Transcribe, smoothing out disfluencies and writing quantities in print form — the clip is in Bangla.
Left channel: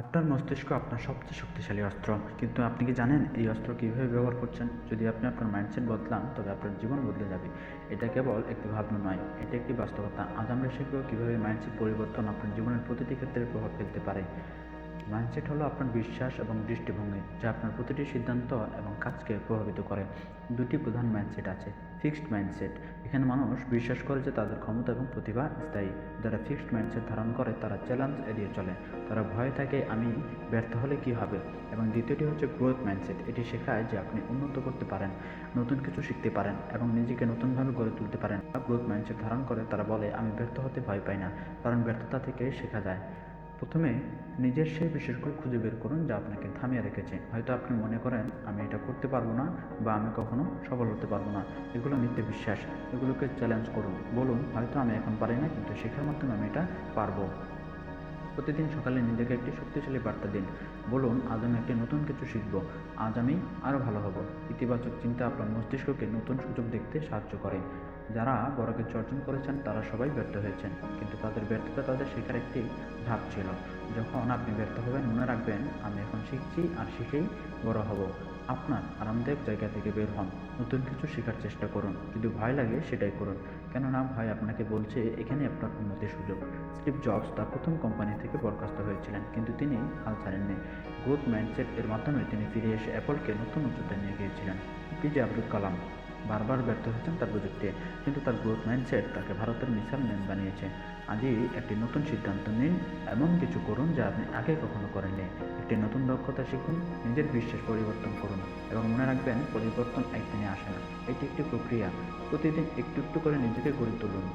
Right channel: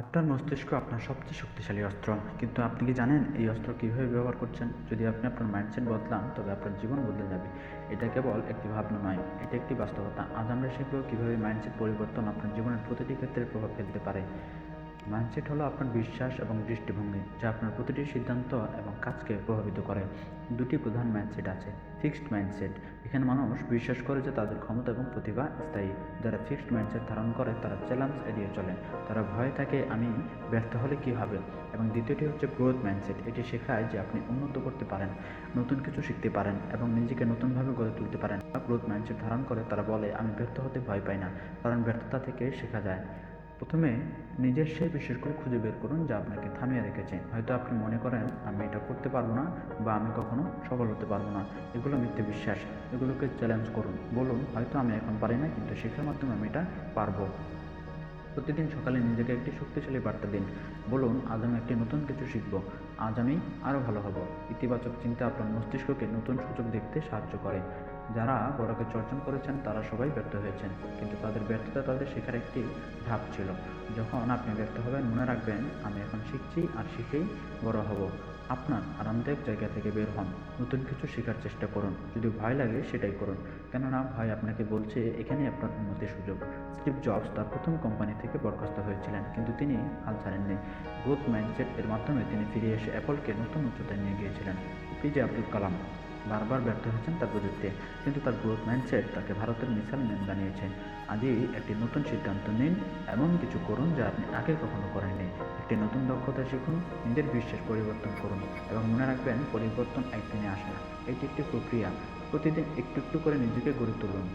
আপনার মস্তিষ্ক আপনার সবচেয়ে শক্তিশালী অস্ত্র, কিন্তু আপনি কি জানেন এই অস্ত্র কীভাবে ব্যবহার করছেন? যদি আপনি আপনার মাইন্ডসেট বদলান তবে আপনার জীবন বদলে যাবে। এটা কেবল একটি ভাবনা নয়, এটা একটি বাস্তবতা। আজ আমরা শিখব কীভাবে মাইন্ডসেট পরিবর্তন আপনার জীবনের প্রতিটি ক্ষেত্রে প্রভাব ফেলতে পারে। মাইন্ডসেট হলো আপনার বিশ্বাস এবং দৃষ্টিভঙ্গি, যা আপনার প্রতিটি সিদ্ধান্ত এবং কাজকে প্রভাবিত করে। দুটি প্রধান মাইন্ডসেট আছে। ফিক্সড মাইন্ডসেট, এখানে মানুষ বিশ্বাস করে যে তাদের ক্ষমতা এবং প্রতিভা স্থায়ী। যারা ফিক্সড মাইন্ডসেট ধারণ করে তারা চ্যালেঞ্জ এড়িয়ে চলে, তারা ভয়ে থাকে আমি ব্যর্থ হলে কী হবে। এবং দ্বিতীয়টি হচ্ছে গ্রোথ মাইন্ডসেট। এটি শেখায় যে আপনি উন্নত করতে পারেন, নতুন কিছু শিখতে পারেন এবং নিজেকে নতুনভাবে গড়ে তুলতে পারেন। গ্রোথ মাইন্ডসেট ধারণ করে তারা বলে আমি ব্যর্থ হতে ভয় পাই না, কারণ ব্যর্থতা থেকে শেখা যায়। প্রথমে নিজের সেই বিষয়গুলো খুঁজে বের করুন যা আপনাকে থামিয়ে রেখেছে। হয়তো আপনি মনে করেন আমি এটা করতে পারবো না বা আমি কখনো সফল হতে পারবো না। এগুলো মিথ্যে বিশ্বাস। এগুলোকে চ্যালেঞ্জ করুন, বলুন হয়তো আমি এখন পারি না, কিন্তু শেখার মাধ্যমে আমি এটা পারবো। প্রতিদিন সকালে নিজেকে একটি শক্তিশালী বার্তা দিন। বলুন আজ আমি একটি নতুন কিছু শিখব, আজ আমি আরও ভালো হব। ইতিবাচক চিন্তা আপনার মস্তিষ্ককে নতুন সুযোগ দেখতে সাহায্য করে। যারা বড় কিছু অর্জন করেছেন তারা সবাই ব্যর্থ হয়েছেন, কিন্তু তাদের ব্যর্থতা তাদের শেখার একটি ধাপ ছিল। যখন আপনি ব্যর্থ হবেন মনে রাখবেন আমি এখন শিখছি আর শিখেই বড় হব। আপনার আরামদায়ক জায়গা থেকে বের হন, নতুন কিছু শেখার চেষ্টা করুন। যদি ভয় লাগে সেটাই করুন, কেননা ভয় আপনাকে বলছে এখানে আপনার উন্নতির সুযোগ। স্টিভ জবস তার প্রথম কোম্পানি থেকে বরখাস্ত হয়েছিলেন, কিন্তু তিনি হাল ছাড়েননি। গ্রোথ মাইন্ডসেট এর মাধ্যমে তিনি ফিরে এসে অ্যাপলকে নতুন উচ্চতায় নিয়ে গিয়েছিলেন। এপিজে আব্দুল কালাম বারবার ব্যর্থ হয়েছেন তার প্রযুক্তি, কিন্তু তার গ্রোথ মাইন্ডসেট তাকে ভারতের মিসাইল ম্যান বানিয়েছে। আজই একটি নতুন সিদ্ধান্ত নিন, এমন কিছু করুন যা আপনি আগে কখনো করেননি। একটি নতুন দক্ষতা শিখুন, নিজের বিশ্বাস পরিবর্তন করুন এবং মনে রাখবেন পরিবর্তন একদিনে আসে না, এটি একটি প্রক্রিয়া। প্রতিদিন একটু একটু করে নিজেকে গড়ে তুলুন।